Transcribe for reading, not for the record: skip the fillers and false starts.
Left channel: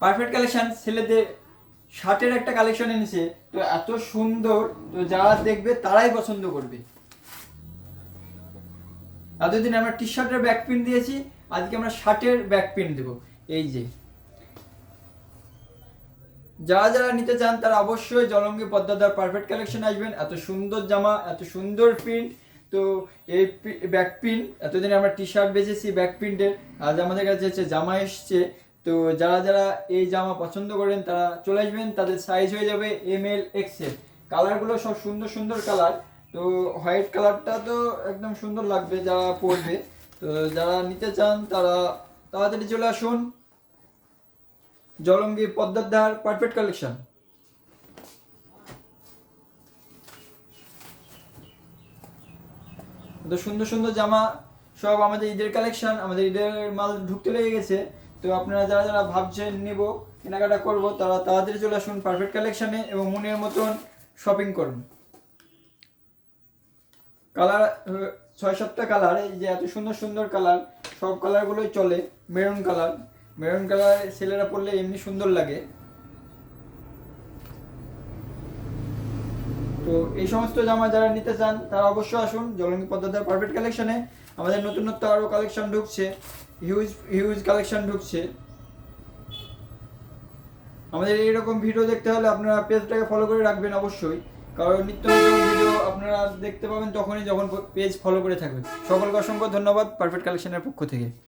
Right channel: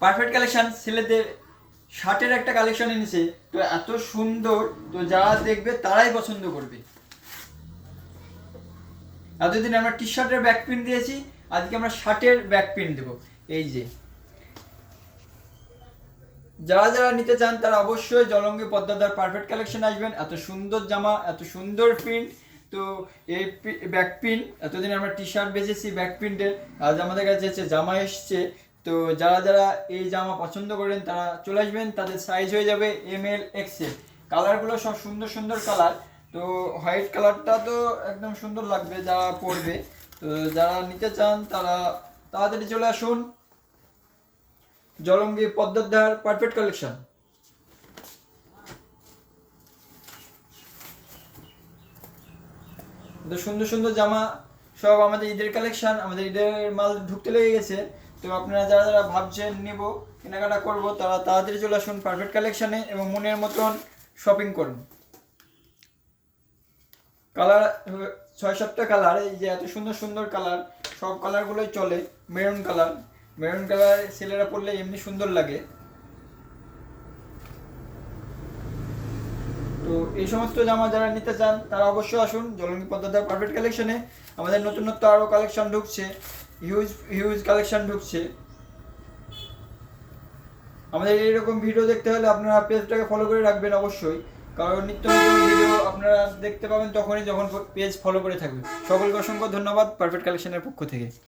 Perfect collection ছেলেদের শার্টের একটা কালেকশন এনেছে, তো এত সুন্দর, তো যারা দেখবে তারাই পছন্দ করবে। এতদিন আমরা টি শার্টের ব্যাক প্রিন্ট দিয়েছি, আজকে আমরা শার্টের ব্যাক প্রিন্ট দেবো। এই যে যারা যারা নিতে চান তারা অবশ্যই জলঙ্গি পদ্মাদার পারফেক্ট কালেকশন আসবেন। এত সুন্দর জামা, এত সুন্দর প্রিন্ট। তো এই ব্যাক প্রিন্ট, এতদিন আমরা টি শার্ট বেচেছি ব্যাক প্রিন্টের, আজ আমাদের কাছে হচ্ছে জামা এসছে। তো যারা যারা এই জামা পছন্দ করেন তারা চলে আসবেন, তাদের সাইজ হয়ে যাবে ML XL। কালারগুলো সব সুন্দর সুন্দর কালার। তো হোয়াইট কালারটা তো একদম সুন্দর লাগবে যারা পরবে। তো যারা নিতে চান তারা তাড়াতাড়ি চলে আসুন, জলঙ্গি পদ্মার পারফেক্ট কালেকশন। তো সুন্দর সুন্দর জামা সব আমাদের ঈদের কালেকশন, আমাদের ঈদের মাল ঢুকতে লেগে গেছে। তো আপনারা যারা যারা ভাবছেন নেব, কেনাকাটা করব, তারা তাড়াতাড়ি চলে আসুন পারফেক্ট কালেকশনে এবং মনের মতন শপিং করুন। কালার 6-7টা কালার, এই যে এত সুন্দর সুন্দর কালার, সব কালারগুলোই চলে। মেরুন কালার, মেরুন কালার ছেলেরা পরলে এমনি সুন্দর লাগে। তো এই সমস্ত জামা যারা নিতে চান তারা অবশ্যই আসুন জলঙ্গি পদ্মার পারফেক্ট কালেকশনে। আমাদের নতুনত্ব আরও কালেকশন ঢুকছে, হিউজ হিউজ কালেকশন ঢুকছে। আমাদের এইরকম ভিডিও দেখতে হলে আপনারা পেজটাকে ফলো করে রাখবেন অবশ্যই, কারণ নিত্য নতুন ভিডিও আপনারা দেখতে পাবেন তখনই যখন পেজ ফলো করে থাকবেন। সকলকে অসংখ্য ধন্যবাদ পারফেক্ট কালেকশনের পক্ষ থেকে।